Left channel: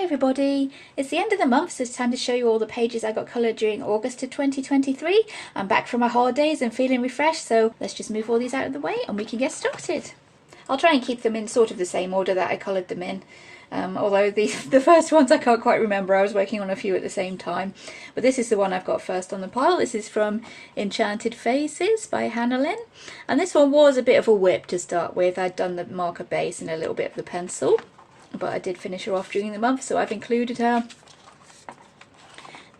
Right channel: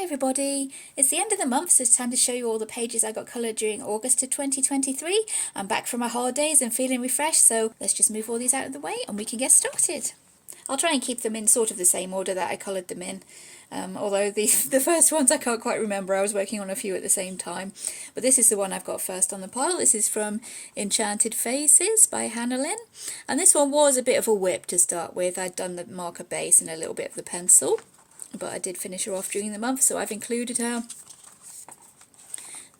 Hi everybody, it's the end of the month, so it's time to show you all the pages I got coloured during August of 2023. I'm back from my holidays and feeling refreshed, so let's just move all these out of the way and we can get started. I'll try and keep them in sort of the same order that I coloured them in. Although the first ones I can't quite remember, I was working on a few at the same time. But this is the one I've got first on the pile. This is from Enchanted Faces by Hannah Lynn. And this one was a bit of a whip to start with. I'd done the marker base and a little bit of the pencil, but I did finish her off during the month, so I've included her.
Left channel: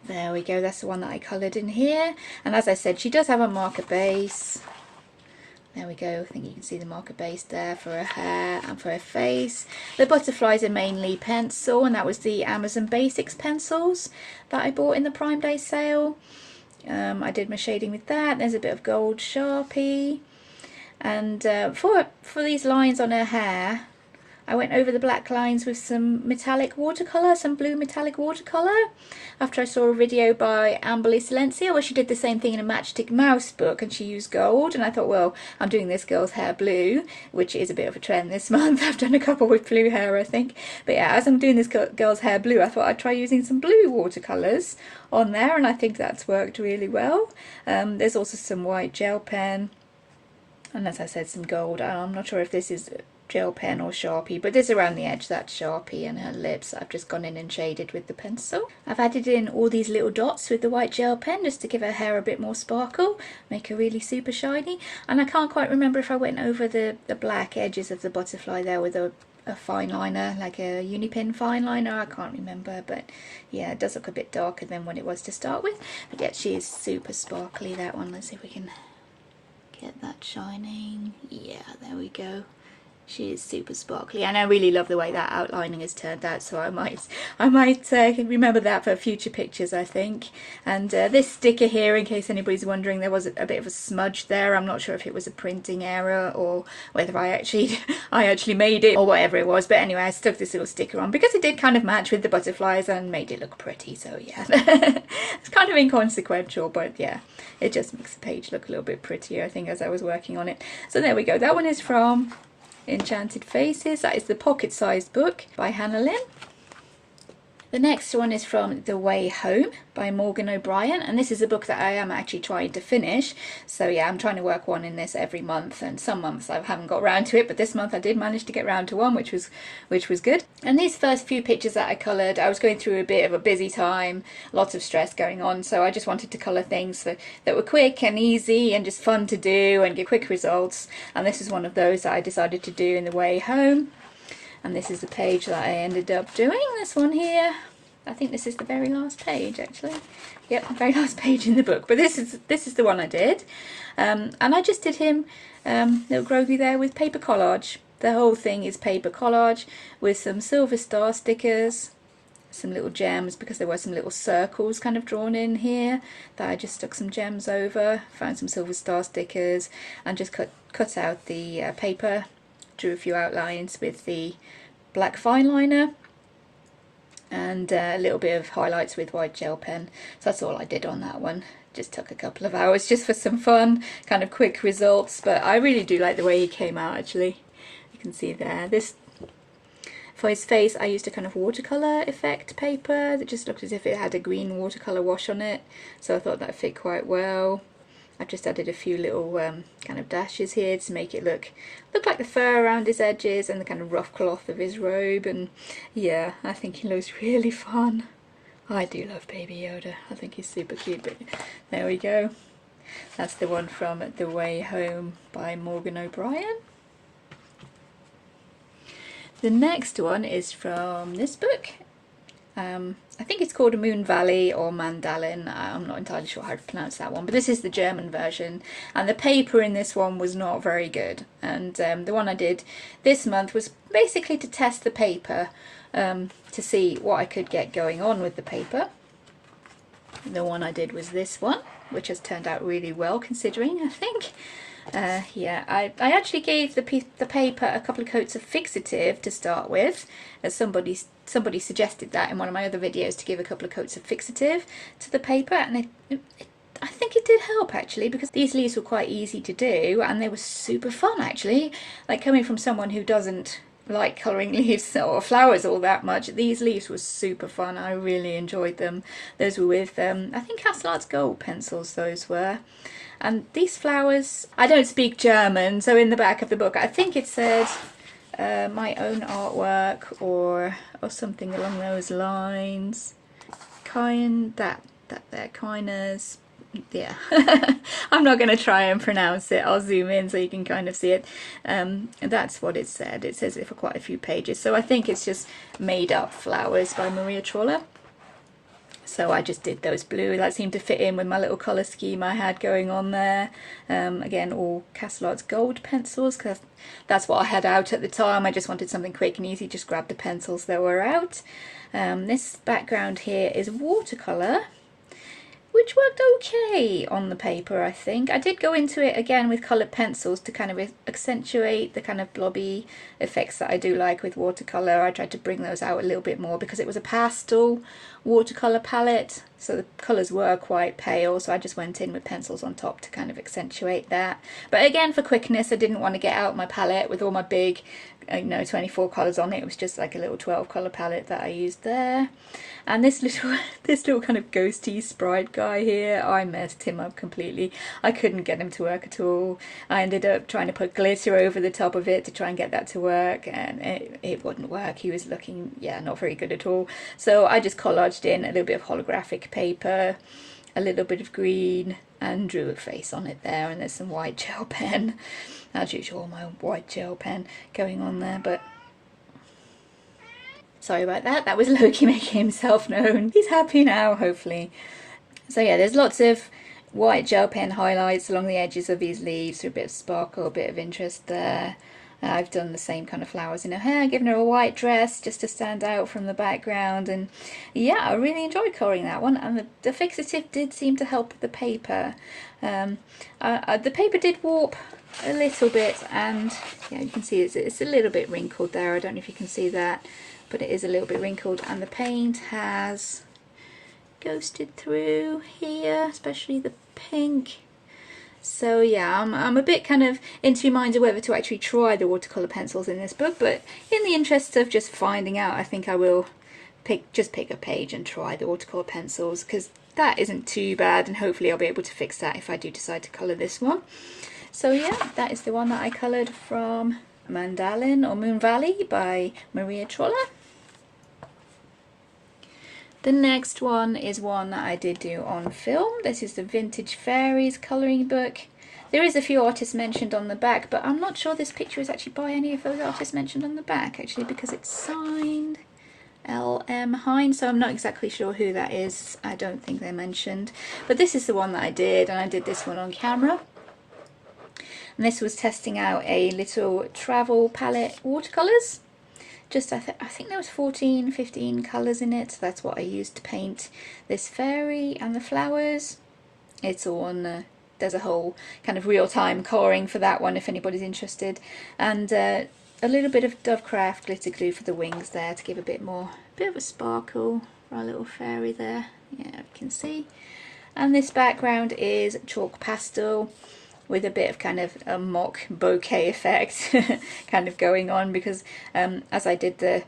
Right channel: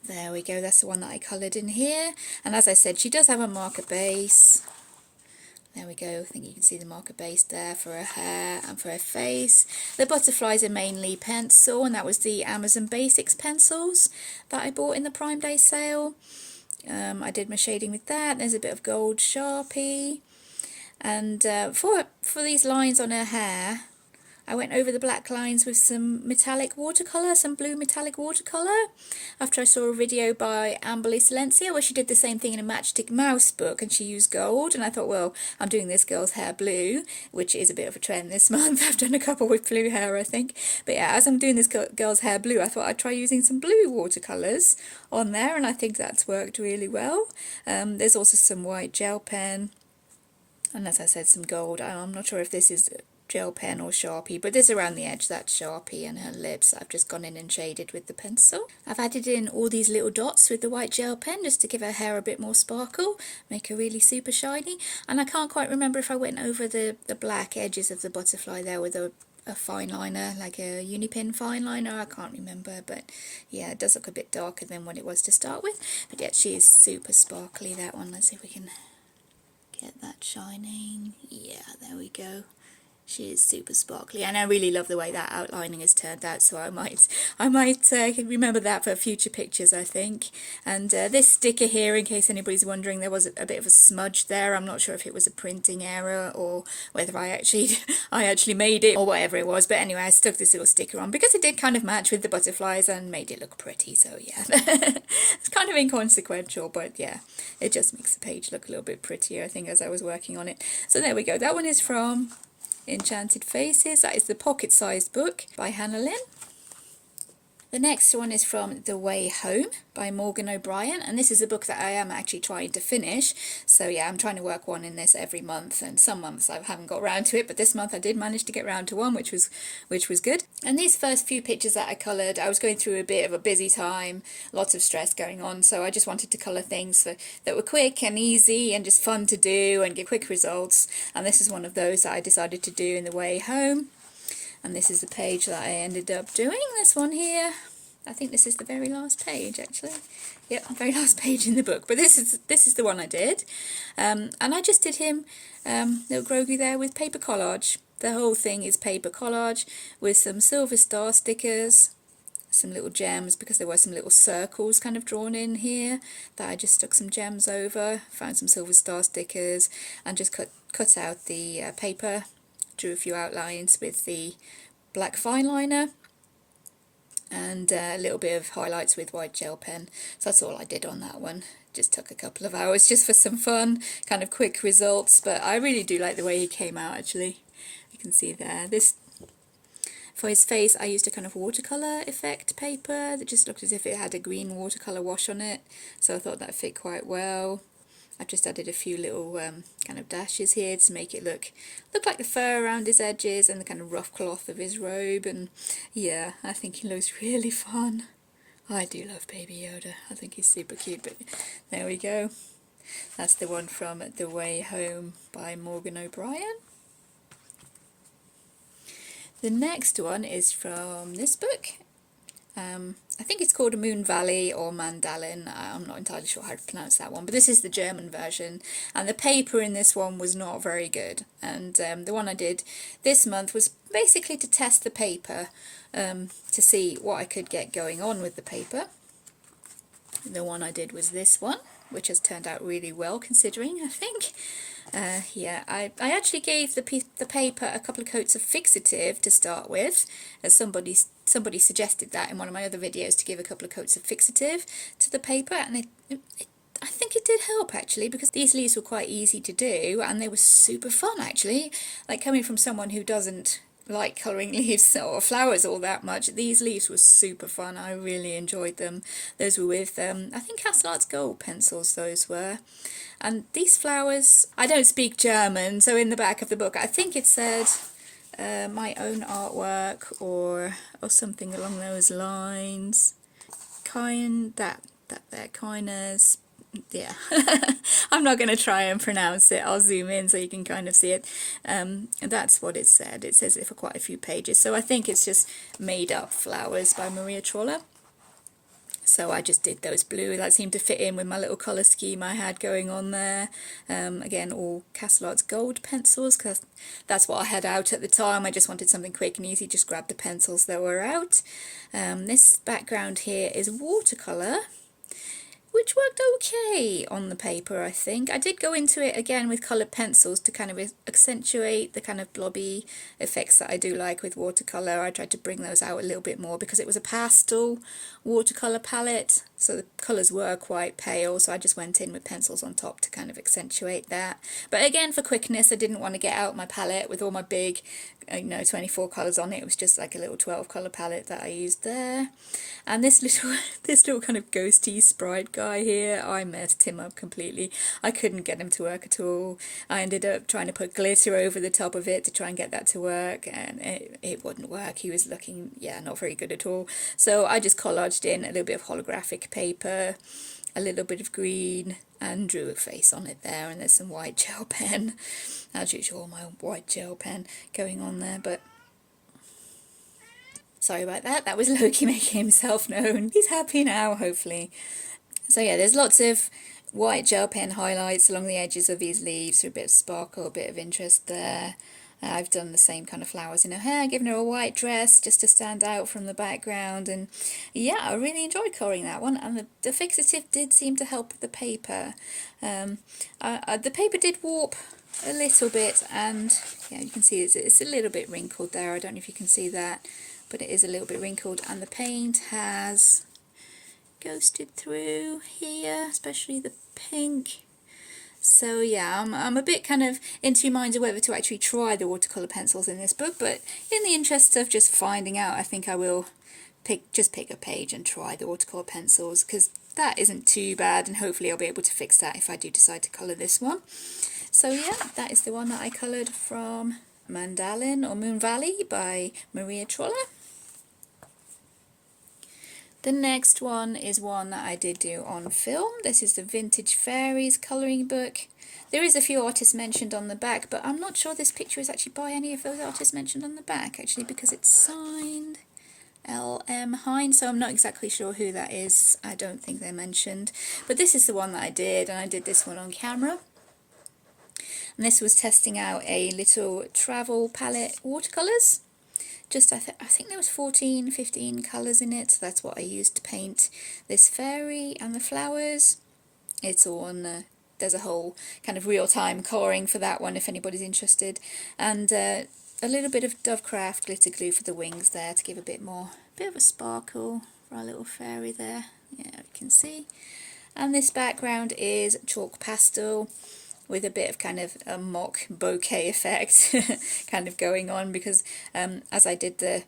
There we go, that's the one that I coloured in here. And as I said, she does have a marker base. There we go, I think you can see the marker base there for her hair and for her face. The butterflies are mainly pencil, and that was the Amazon Basics pencils that I bought in the Prime Day sale. I did my shading with that. There's a bit of gold Sharpie. And for these lines on her hair, I went over the black lines with some metallic watercolour, some blue metallic watercolour, after I saw a video by Amberle Silencia where she did the same thing in a Matchstick Mouse book and she used gold, and I thought, well, I'm doing this girl's hair blue, which is a bit of a trend this month. I've done a couple with blue hair, I think. But yeah, as I'm doing this girl's hair blue, I thought I'd try using some blue watercolours on there, and I think that's worked really well. There's also some white gel pen, and as I said, some gold. I'm not sure if this is gel pen or Sharpie, but this around the edge, that's Sharpie, and her lips I've just gone in and shaded with the pencil. I've added in all these little dots with the white gel pen just to give her hair a bit more sparkle, make her really super shiny. And I can't quite remember if I went over the black edges of the butterfly there with a fine liner, like a Unipin fine liner. I can't remember, but yeah, it does look a bit darker than what it was to start with. But yeah, she is super sparkly, that one. Let's see if we can get that shining. Yeah, there we go. She is super sparkly, and I really love the way that outlining has turned out, so I might remember that for future pictures, I think. And this sticker here, in case anybody's wondering, there was a bit of a smudge there. I'm not sure if it was a printing error or whether I actually made it or whatever it was, but anyway, I stuck this little sticker on because it did kind of match with the butterflies and made it look pretty, so yeah. It's kind of inconsequential, but yeah, it just makes the page look a little bit prettier, I think, as I was working on it. So there we go, that one is from Enchanted Faces. That is the pocket-sized book by Hannah Lynn. The next one is from The Way Home by Morgan O'Brien, and this is a book that I am actually trying to finish. So yeah, I'm trying to work one in this every month, and some months I haven't got round to it, but this month I did manage to get round to one, which was good. And these first few pictures that I coloured, I was going through a bit of a busy time, lots of stress going on, so I just wanted to colour things that were quick and easy and just fun to do and give quick results, and this is one of those that I decided to do in The Way Home. And this is the page that I ended up doing, this one here. I think this is the very last page, actually. Yep, the very last page in the book. But this is the one I did. And I just did him, little Grogu there, with paper collage. The whole thing is paper collage with some silver star stickers, some little gems, because there were some little circles kind of drawn in here that I just stuck some gems over, found some silver star stickers, and just cut out the paper. Drew a few outlines with the black fine liner and a little bit of highlights with white gel pen. So that's all I did on that one. Just took a couple of hours just for some fun, kind of quick results, but I really do like the way he came out, actually. You can see there. This, for his face, I used a kind of watercolour effect paper that just looked as if it had a green watercolour wash on it, so I thought that fit quite well. I've just added a few little kind of dashes here to make it look like the fur around his edges and the kind of rough cloth of his robe, and yeah, I think he looks really fun. I do love Baby Yoda. I think he's super cute, but there we go. That's the one from The Way Home by Morgan O'Brien. The next one is from this book. I think it's called Moon Valley or Mandalin. I'm not entirely sure how to pronounce that one, but this is the German version, and the paper in this one was not very good. And the one I did this month was basically to test the paper, to see what I could get going on with the paper. The one I did was this one, which has turned out really well considering, I think. Yeah, I actually gave the paper a couple of coats of fixative to start with, as somebody suggested that in one of my other videos, to give a couple of coats of fixative to the paper, and I think it did help, actually, because these leaves were quite easy to do and they were super fun, actually. Like, coming from someone who doesn't like colouring leaves or flowers all that much. These leaves were super fun. I really enjoyed them. Those were with, I think Castelart's Gold pencils those were. And these flowers, I don't speak German, so in the back of the book I think it said my own artwork or something along those lines. That there, kindness. Yeah, I'm not going to try and pronounce it. I'll zoom in so you can kind of see it. And that's what it said. It says it for quite a few pages. So I think it's just made up flowers by Maria Trolle. So I just did those blue. That seemed to fit in with my little colour scheme I had going on there. Again, all Castelart's Gold pencils, because that's what I had out at the time. I just wanted something quick and easy, just grab the pencils that were out. This background here is watercolour, which worked okay on the paper, I think. I did go into it again with coloured pencils to kind of accentuate the kind of blobby effects that I do like with watercolour. I tried to bring those out a little bit more because it was a pastel watercolour palette, so the colours were quite pale, so I just went in with pencils on top to kind of accentuate that. But again, for quickness, I didn't want to get out my palette with all my big 24 colours on it. It was just like a little 12 colour palette that I used there. And this little kind of ghosty sprite guy here, I messed him up completely. I couldn't get him to work at all. I ended up trying to put glitter over the top of it to try and get that to work, and it wouldn't work. He was looking, not very good at all. So I just collaged in a little bit of holographic paper, a little bit of green, and drew a face on it there, and there's some white gel pen. As usual, my white gel pen going on there, but sorry about that. That was Loki making himself known. He's happy now, hopefully. So yeah, there's lots of white gel pen highlights along the edges of these leaves for a bit of sparkle, a bit of interest there. I've done the same kind of flowers in her hair, given her a white dress just to stand out from the background, and yeah, I really enjoyed colouring that one, and the fixative did seem to help the paper. The paper did warp a little bit, and yeah, you can see it's a little bit wrinkled there. I don't know if you can see that, but it is a little bit wrinkled, and the paint has ghosted through here, especially the pink. So yeah, I'm a bit kind of in two minds of whether to actually try the watercolour pencils in this book, but in the interest of just finding out, I think I will pick a page and try the watercolour pencils, because that isn't too bad, and hopefully I'll be able to fix that if I do decide to colour this one. So yeah, that is the one that I coloured from Mandalin or Moon Valley by Maria Trolle. The next one is one that I did do on film. This is the Vintage Fairies colouring book. There is a few artists mentioned on the back, but I'm not sure this picture is actually by any of those artists mentioned on the back, actually, because it's signed L.M. Hine, so I'm not exactly sure who that is. I don't think they're mentioned. But this is the one that I did, and I did this one on camera. And this was testing out a little travel palette watercolours. I think there was 15 colours in it, so that's what I used to paint this fairy and the flowers. It's all on there's a whole kind of real-time colouring for that one if anybody's interested, and a little bit of Dovecraft glitter glue for the wings there to give a bit of a sparkle for our little fairy there. Yeah, you can see. And this background is chalk pastel, with a bit of kind of a mock bouquet effect kind of going on, because as I did the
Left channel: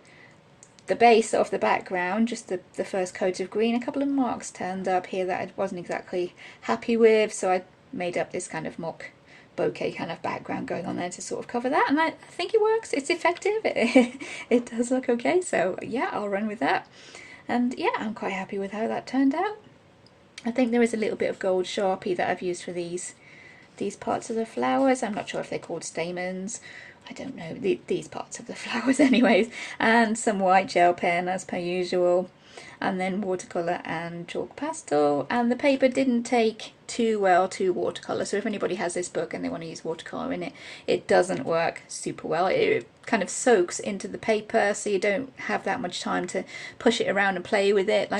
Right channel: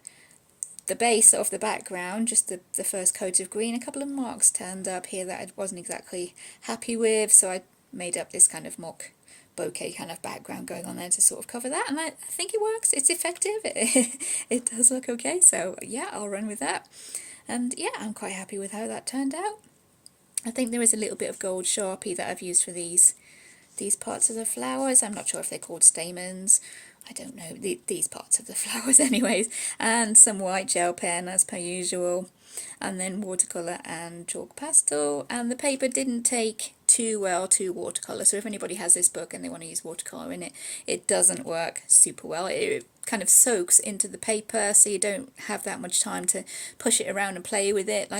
base of the background, just the first coat of green, a couple of marks turned up here that I wasn't exactly happy with, so I made up this kind of mock bouquet kind of background going on there to sort of cover that, and I think it works. It's effective. It does look okay, so yeah, I'll run with that. And yeah, I'm quite happy with how that turned out. I think there is a little bit of gold Sharpie that I've used for these parts of the flowers. I'm not sure if they're called stamens. I don't know, these parts of the flowers anyways. And some white gel pen as per usual. And then watercolour and chalk pastel. And the paper didn't take too well to watercolour. So if anybody has this book and they want to use watercolour in it, it doesn't work super well. It kind of soaks into the paper, so you don't have that much time to push it around and play with it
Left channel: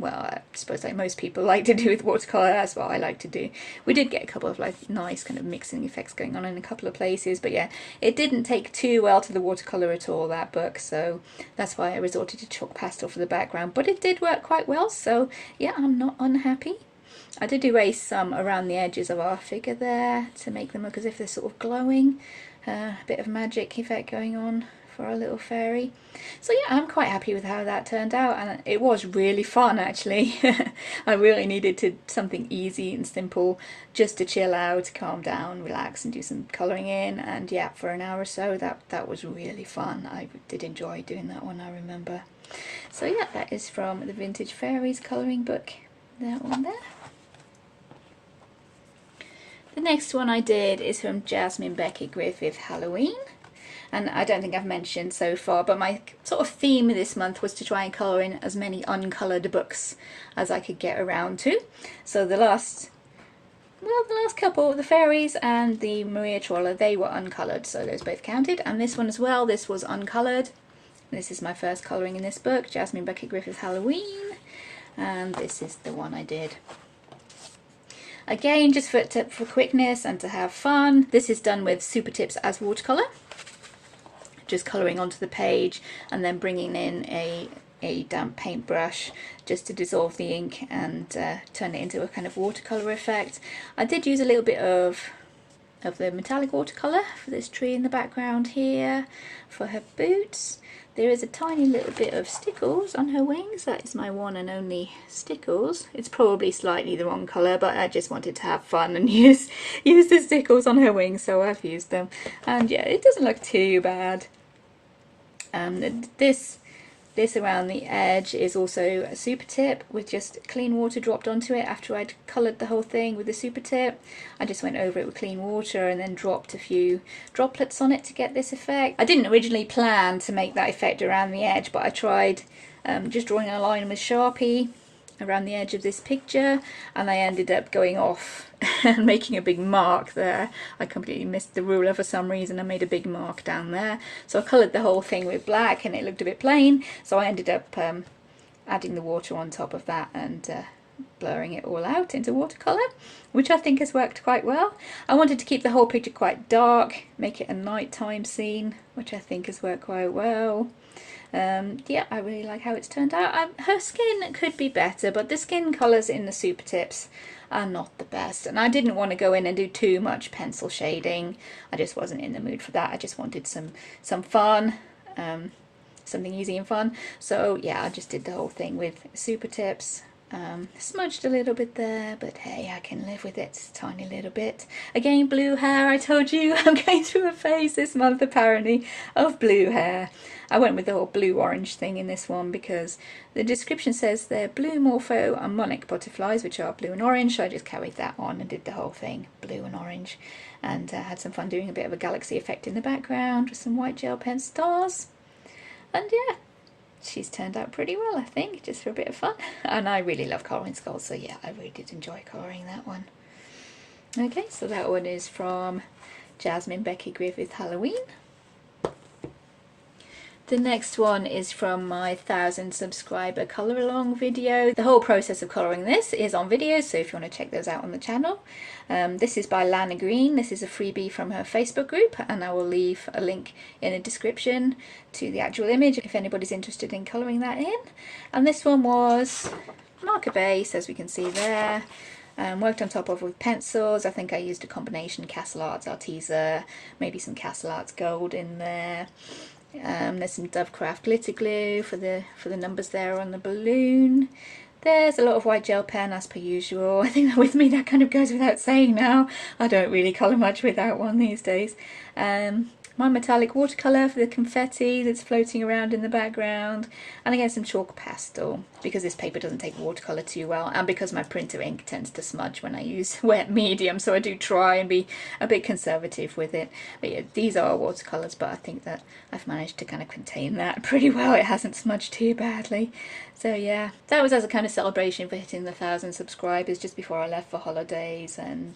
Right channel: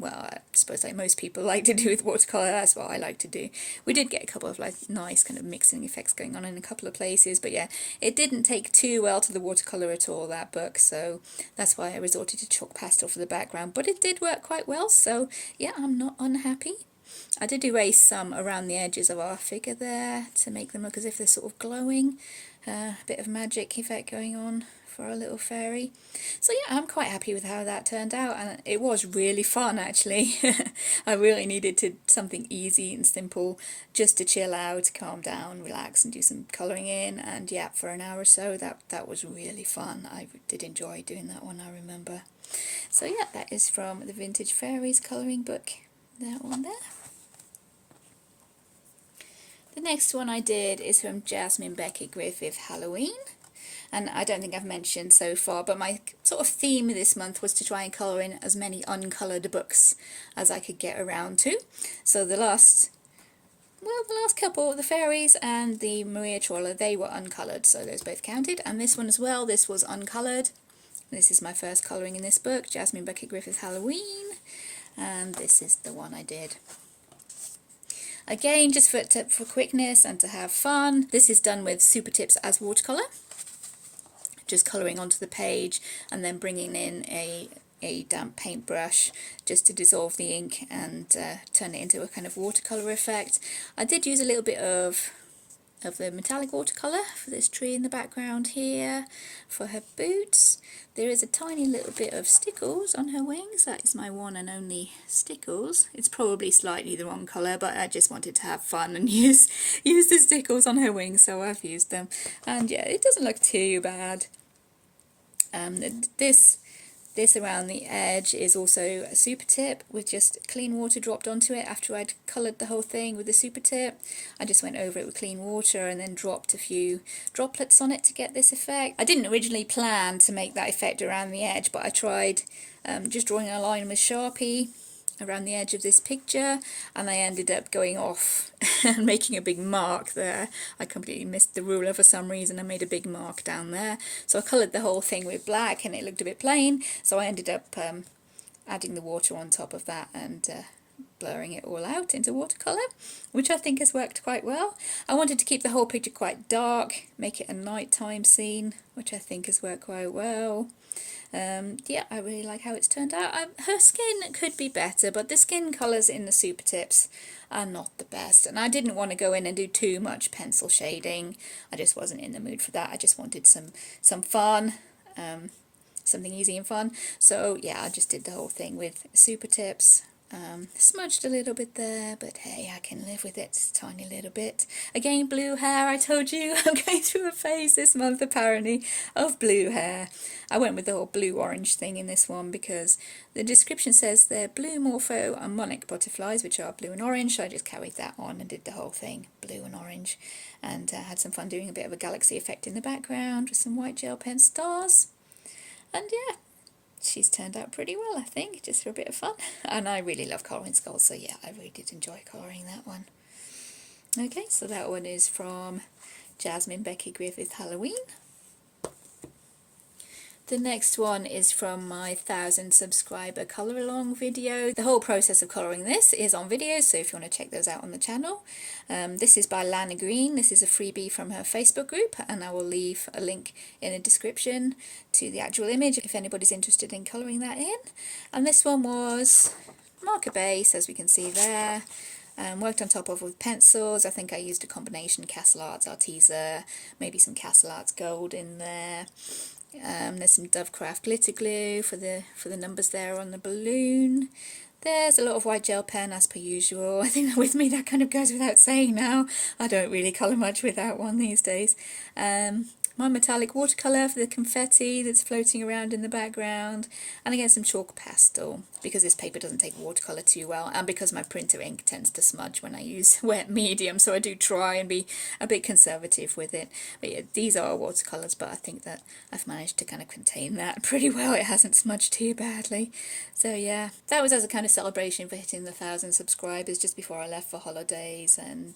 well, I suppose like most people like to do with watercolour. That's what I like to do. We did get a couple of like nice kind of mixing effects going on in a couple of places, but yeah, it didn't take too well to the watercolour at all, that book, so that's why I resorted to chalk pastel for the background, but it did work quite well, so yeah, I'm not unhappy. I did erase some around the edges of our figure there to make them look as if they're sort of glowing, a bit of magic effect going on for our little fairy. So yeah, I'm quite happy with how that turned out, and it was really fun actually. I really needed something easy and simple just to chill out, calm down, relax and do some colouring in, and yeah, for an hour or so that was really fun. I did enjoy doing that one, I remember. So yeah, that is from the Vintage Fairies colouring book, that one there. The next one I did is from Jasmine Becket-Griffith Halloween, and I don't think I've mentioned so far, but my sort of theme this month was to try and colour in as many uncoloured books as I could get around to. So the last couple, the Fairies and the Maria Trolle, they were uncoloured, so those both counted, and this one as well, this was uncoloured. This is my first colouring in this book, Jasmine Becket-Griffith Halloween, and this is the one I did. Again, just for quickness and to have fun, this is done with Super Tips as watercolour. Just colouring onto the page and then bringing in a damp paintbrush just to dissolve the ink and turn it into a kind of watercolour effect. I did use a little bit of the metallic watercolour for this tree in the background here, for her boots. There is a tiny little bit of stickles on her wings. That is my one and only stickles. It's probably slightly the wrong colour, but I just wanted to have fun and use the stickles on her wings, so I've used them. And yeah, it doesn't look too bad. This around the edge is also a super tip with just clean water dropped onto it after I'd coloured the whole thing with the super tip. I just went over it with clean water and then dropped a few droplets on it to get this effect. I didn't originally plan to make that effect around the edge, but I tried just drawing a line with Sharpie around the edge of this picture, and I ended up going off and making a big mark there. I completely missed the ruler for some reason. I made a big mark down there, so I coloured the whole thing with black and it looked a bit plain, so I ended up adding the water on top of that and blurring it all out into watercolour, which I think has worked quite well. I wanted to keep the whole picture quite dark, make it a nighttime scene, which I think has worked quite well. Yeah, I really like how it's turned out. Her skin could be better, but the skin colours in the super tips are not the best, and I didn't want to go in and do too much pencil shading. I just wasn't in the mood for that. I just wanted some fun, something easy and fun. So yeah, I just did the whole thing with super tips. Smudged a little bit there, but hey, I can live with it, a tiny little bit. Again, blue hair. I told you I'm going through a phase this month apparently of blue hair. I went with the whole blue-orange thing in this one because the description says they're blue morpho and monarch butterflies, which are blue and orange, so I just carried that on and did the whole thing blue and orange, and had some fun doing a bit of a galaxy effect in the background with some white gel pen stars. And yeah, she's turned out pretty well, I think, just for a bit of fun. And I really love colouring skulls, so yeah, I really did enjoy colouring that one. Okay, so that one is from Jasmine Becket-Griffith Halloween. The next one is from my 1,000 subscriber colour along video. The whole process of colouring this is on video, so if you want to check those out on the channel. This is by Lana Green. This is a freebie from her Facebook group, and I will leave a link in the description to the actual image if anybody's interested in colouring that in. And this one was marker base, as we can see there. Worked on top of with pencils. I think I used a combination Castle Arts Arteza, maybe some Castle Arts Gold in there. There's some Dovecraft glitter glue for the numbers there on the balloon. There's a lot of white gel pen as per usual. I think that with me that kind of goes without saying now. I don't really colour much without one these days. My metallic watercolour for the confetti that's floating around in the background, and again some chalk pastel because this paper doesn't take watercolour too well, and because my printer ink tends to smudge when I use wet medium, so I do try and be a bit conservative with it. But yeah, these are watercolours, but I think that I've managed to kind of contain that pretty well. It hasn't smudged too badly. So yeah, that was as a kind of celebration for hitting the 1,000 subscribers just before I left for holidays, and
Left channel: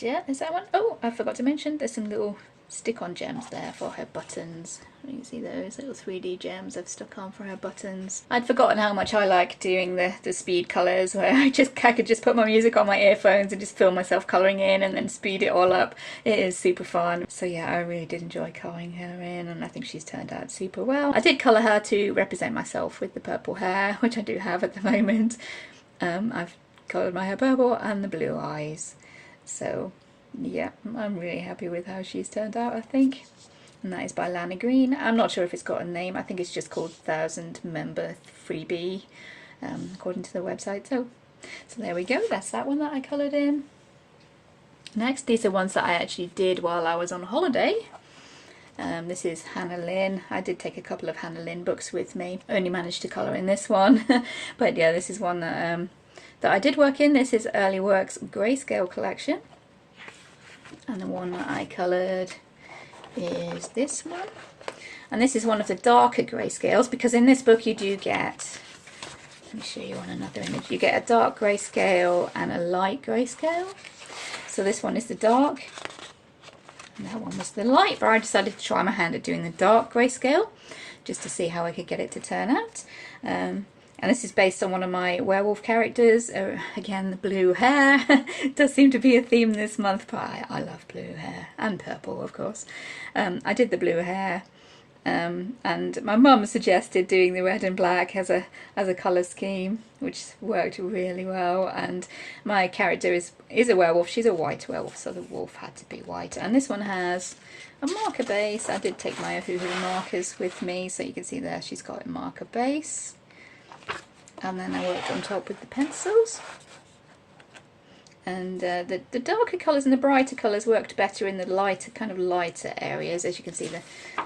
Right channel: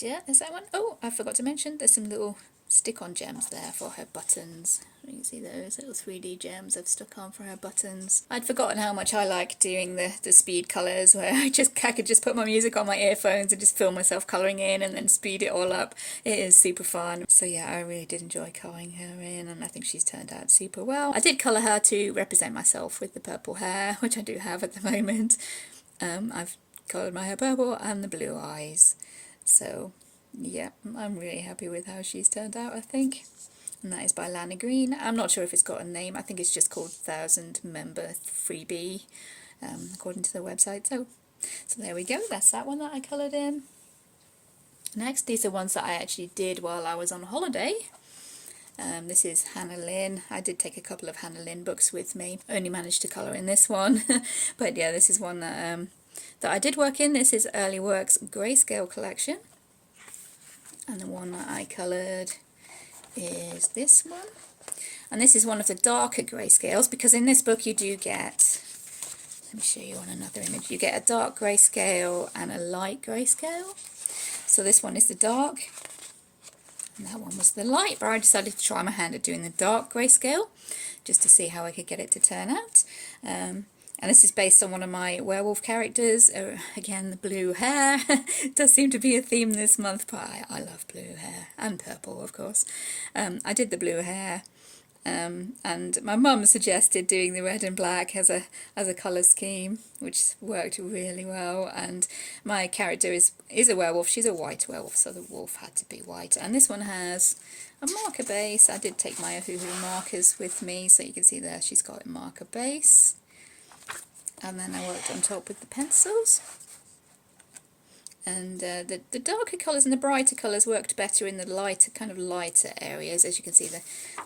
yeah, there's that one. Oh, I forgot to mention there's some little stick-on gems there for her buttons. You can see those little 3D gems I've stuck on for her buttons. I'd forgotten how much I like doing the speed colours, where I could just put my music on my earphones and just film myself colouring in and then speed it all up. It is super fun. So yeah, I really did enjoy colouring her in, and I think she's turned out super well. I did colour her to represent myself with the purple hair, which I do have at the moment. I've coloured my hair purple and the blue eyes. So yeah, I'm really happy with how she's turned out, I think. and that is by Lana Green. I'm not sure if it's got a name. I think it's just called 1000 Member Freebie, according to the website. So there we go. That's that one that I coloured in. Next, these are ones that I actually did while I was on holiday. This is Hannah Lynn. I did take a couple of Hannah Lynn books with me. Only managed to colour in this one. But yeah, this is one that I did work in. This is Early Works Greyscale Collection. And the one that I coloured is this one. And this is one of the darker greyscales, because in this book you do get, let me show you on another image, you get a dark greyscale and a light greyscale. So this one is the dark, and that one was the light, but I decided to try my hand at doing the dark grayscale, just to see how I could get it to turn out. And this is based on one of my werewolf characters. Again, the blue hair. It does seem to be a theme this month, but I love blue hair, and purple, of course. I did the blue hair, and my mum suggested doing the red and black as a colour scheme, which worked really well. And my character is a werewolf. She's a white werewolf, so the wolf had to be white. And this one has a marker base. I did take my Ohuhu markers with me, so you can see there she's got a marker base. And then I worked on top with the pencils. And the darker colours and the brighter colours worked better in the lighter, kind of lighter areas. As you can see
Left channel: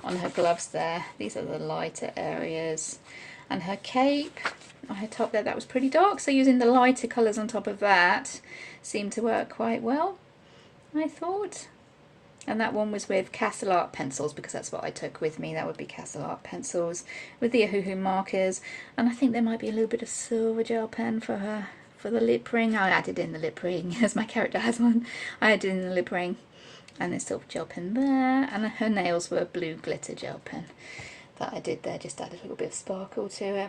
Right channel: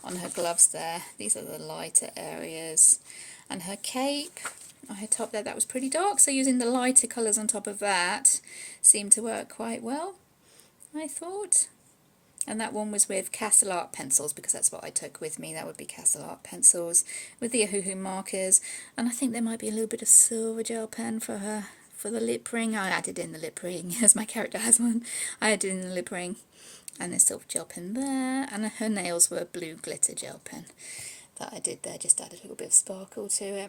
on her gloves there, these are the lighter areas. And her cape on her top there, that was pretty dark, so using the lighter colours on top of that seemed to work quite well, I thought. And that one was with Castle Art pencils, because that's what I took with me. That would be Castle Art pencils with the Ohuhu markers. And I think there might be a little bit of silver gel pen for the lip ring. I added in the lip ring, as my character has one. I added in the lip ring and the silver gel pen there. And her nails were blue glitter gel pen that I did there, just added a little bit of sparkle to it.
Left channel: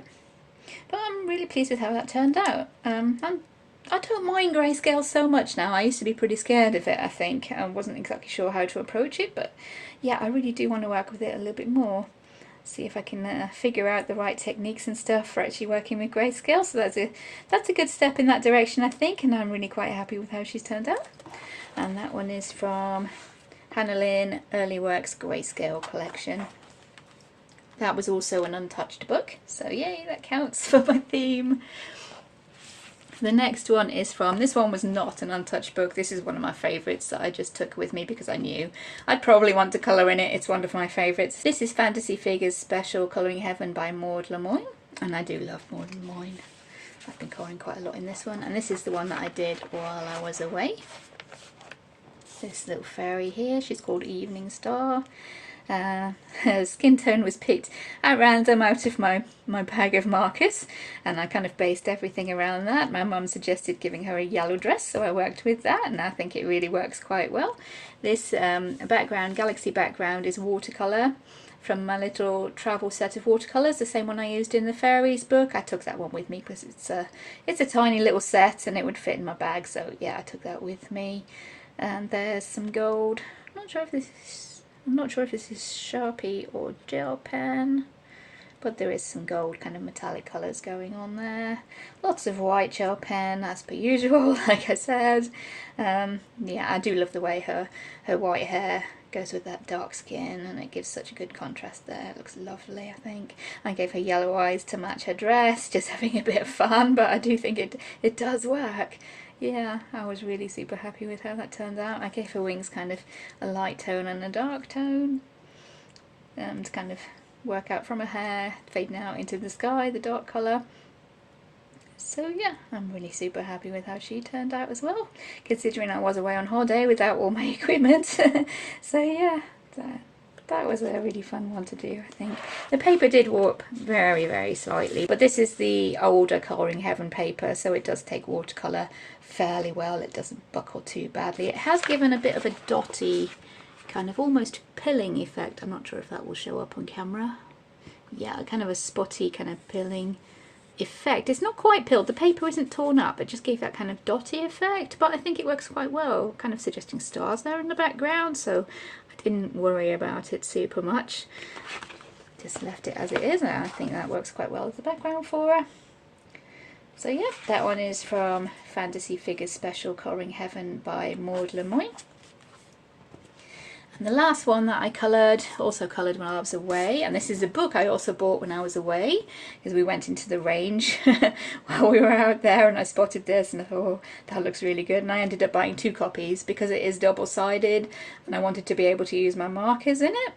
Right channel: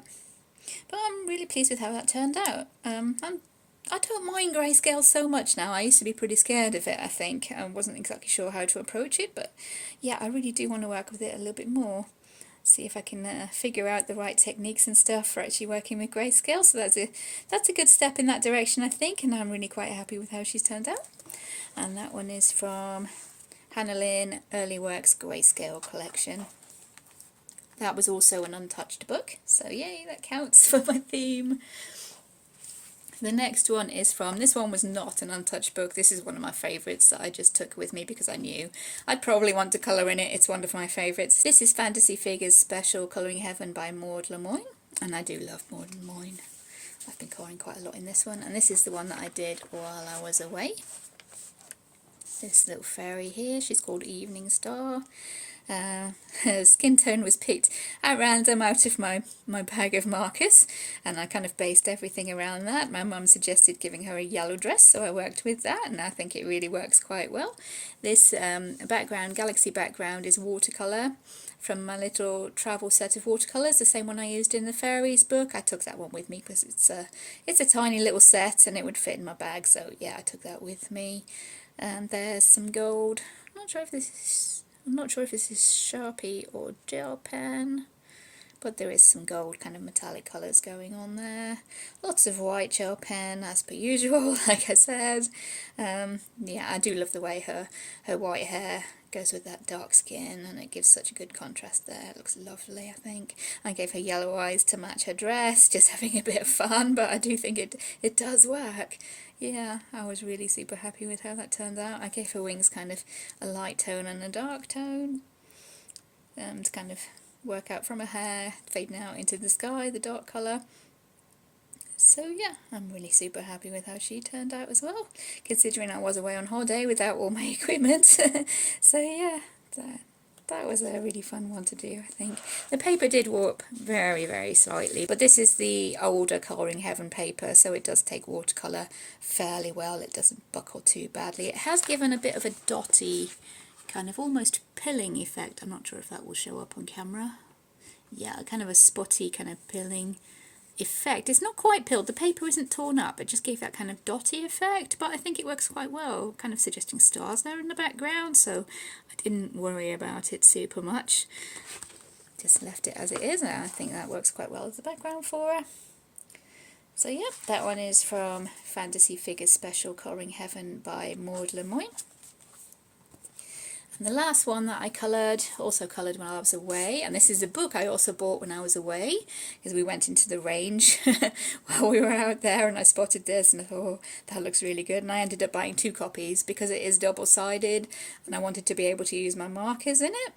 But I'm really pleased with how that turned out. I don't mind grayscale so much now. I used to be pretty scared of it, I think. I wasn't exactly sure how to approach it, but yeah, I really do want to work with it a little bit more. See if I can figure out the right techniques and stuff for actually working with grayscale. So that's a good step in that direction, I think, and I'm really quite happy with how she's turned out. And that one is from Hannah Lynn, Early Works Greyscale Collection. That was also an untouched book, so yay, that counts for my theme. The next one is from, this one was not an untouched book. This is one of my favourites that I just took with me because I knew I'd probably want to colour in it. It's one of my favourites. This is Fantasy Figures Special Colouring Heaven by Maud Lamoine. And I do love Maud Lamoine. I've been colouring quite a lot in this one. And this is the one that I did while I was away. This little fairy here, she's called Evening Star. Her skin tone was picked at random out of my bag of markers, and I kind of based everything around that. My mum suggested giving her a yellow dress, so I worked with that, and I think it really works quite well. This background, galaxy background, is watercolour from my little travel set of watercolours, the same one I used in the Fairies book. I took that one with me because it's a tiny little set and it would fit in my bag, so yeah, I took that with me. And there's some gold. I'm not sure if this is Sharpie or gel pen, but there is some gold kind of metallic colours going on there. Lots of white gel pen as per usual, like I said. Yeah, I do love the way her white hair goes with that dark skin, and it gives such a good contrast there. It looks lovely, I think. I gave her yellow eyes to match her dress, just having a bit of fun, but I do think it does work. Yeah, I was really super happy with how that turned out. I gave her wings kind of a light tone and a dark tone, to kind of work out from her hair, fading out into the sky, the dark colour. So yeah, I'm really super happy with how she turned out as well, considering I was away on holiday without all my equipment. So yeah, that was a really fun one to do, I think. The paper did warp very, very slightly, but this is the older Colouring Heaven paper, so it does take watercolour fairly well. It doesn't buckle too badly. It has given a bit of a dotty, kind of almost pilling effect. I'm not sure if that will show up on camera. Yeah, kind of a spotty kind of pilling effect. It's not quite pilled, the paper isn't torn up, it just gave that kind of dotty effect, but I think it works quite well, kind of suggesting stars there in the background, so I didn't worry about it super much. Just left it as it is, and I think that works quite well as the background for her. So yeah, that one is from Fantasy Figures Special Colouring Heaven by Maud Lamoine. And the last one that I coloured, also coloured when I was away, and this is a book I also bought when I was away, because we went into the range while we were out there and I spotted this and I thought, oh, that looks really good, and I ended up buying 2 copies because it is double-sided and I wanted to be able to use my markers in it.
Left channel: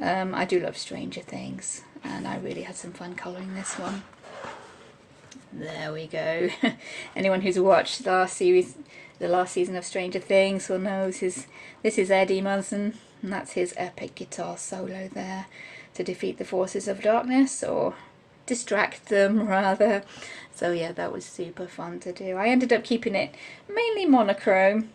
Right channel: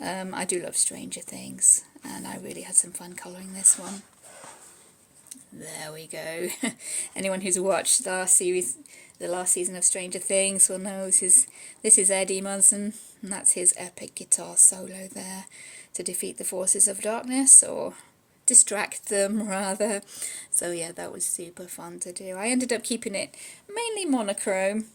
I do love Stranger Things and I really had some fun colouring this one. There we go. Anyone who's watched the last season of Stranger Things will know this is Eddie Munson, and that's his epic guitar solo there to defeat the forces of darkness, or distract them rather. So yeah, that was super fun to do. I ended up keeping it mainly monochrome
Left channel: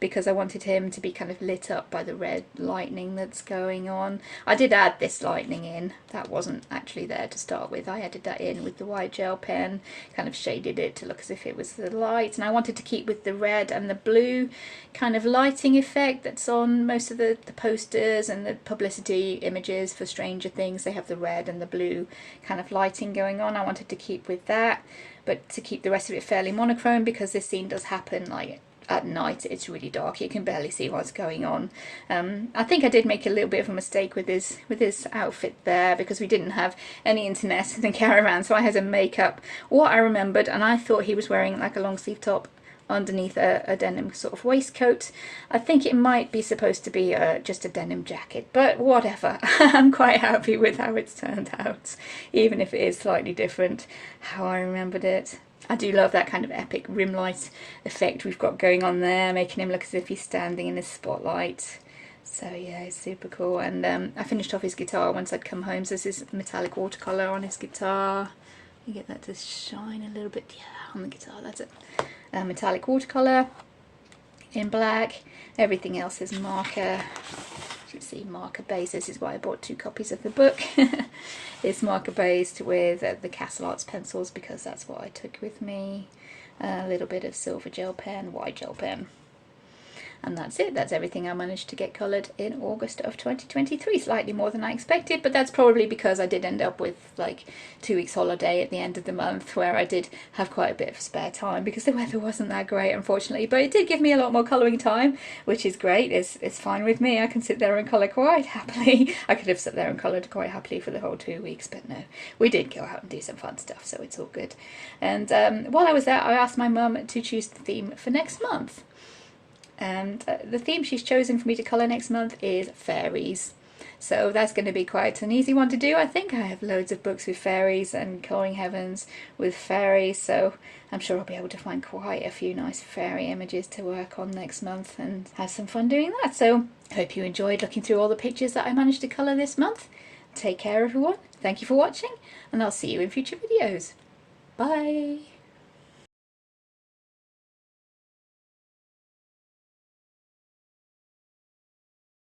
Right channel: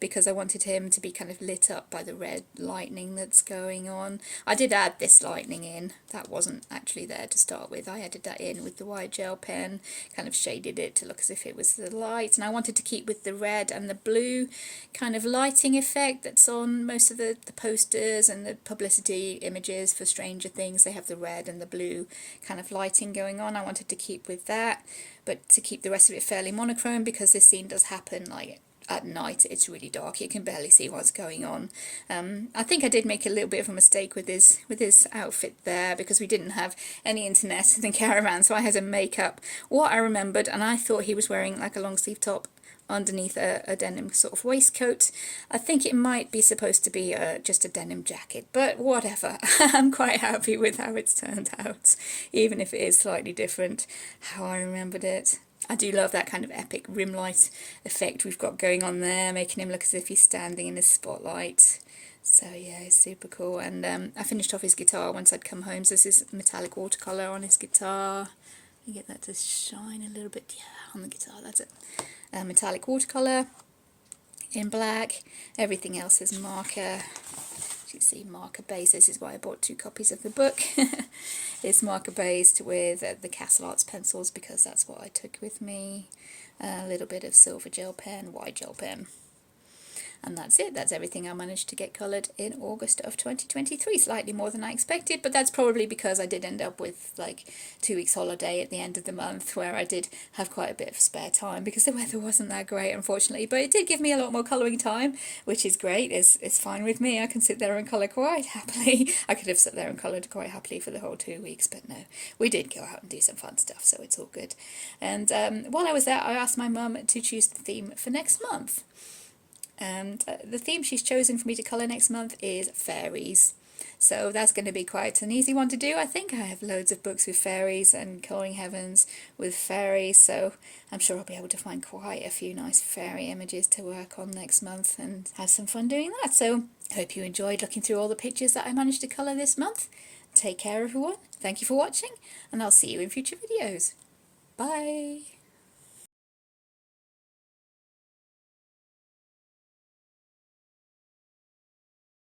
because I wanted him to be kind of lit up by the red lightning that's going on. I did add this lightning in, that wasn't actually there to start with. I added that in with the white gel pen, kind of shaded it to look as if it was the light, and I wanted to keep with the red and the blue kind of lighting effect that's on most of the posters and the publicity images for Stranger Things. They have the red and the blue kind of lighting going on. I wanted to keep with that, but to keep the rest of it fairly monochrome because this scene does happen like at night. It's really dark, you can barely see what's going on. I think I did make a little bit of a mistake with his outfit there because we didn't have any internet in the caravan, so I had to make up what I remembered, and I thought he was wearing like a long sleeve top underneath a denim sort of waistcoat. I think it might be supposed to be just a denim jacket, but whatever. I'm quite happy with how it's turned out, even if it is slightly different how I remembered it. I do love that kind of epic rim light effect we've got going on there, making him look as if he's standing in the spotlight. So yeah, it's super cool. And I finished off his guitar once I'd come home, so this is metallic watercolour on his guitar. You get that to shine a little bit, yeah, on the guitar, that's it. Metallic watercolour in black, everything else is marker. You can see marker base. This is why I bought 2 copies of the book. It's marker based with the Castle Arts pencils because that's what I took with me. A little bit of silver gel pen, white gel pen. And that's it. That's everything I managed to get coloured in August of 2023. Slightly more than I expected, but that's probably because I did end up with like 2 weeks holiday at the end of the month where I did have quite a bit of spare time because the weather wasn't that great, unfortunately. But it did give me a lot more colouring time, which is great. It's fine with me. I can sit there and colour quite happily. I could have sat there and coloured quite happily for the whole 2 weeks, but no. We did go out and do some fun stuff, so it's all good. And while I was there, I asked my mum to choose the theme for next month. And the theme she's chosen for me to colour next month is fairies. So that's going to be quite an easy one to do. I think I have loads of books with fairies and colouring heavens with fairies, so I'm sure I'll be able to find quite a few nice fairy images to work on next month and have some fun doing that. So I hope you enjoyed looking through all the pictures that I managed to colour this month. Take care everyone, thank you for watching, and I'll see you in future videos. Bye!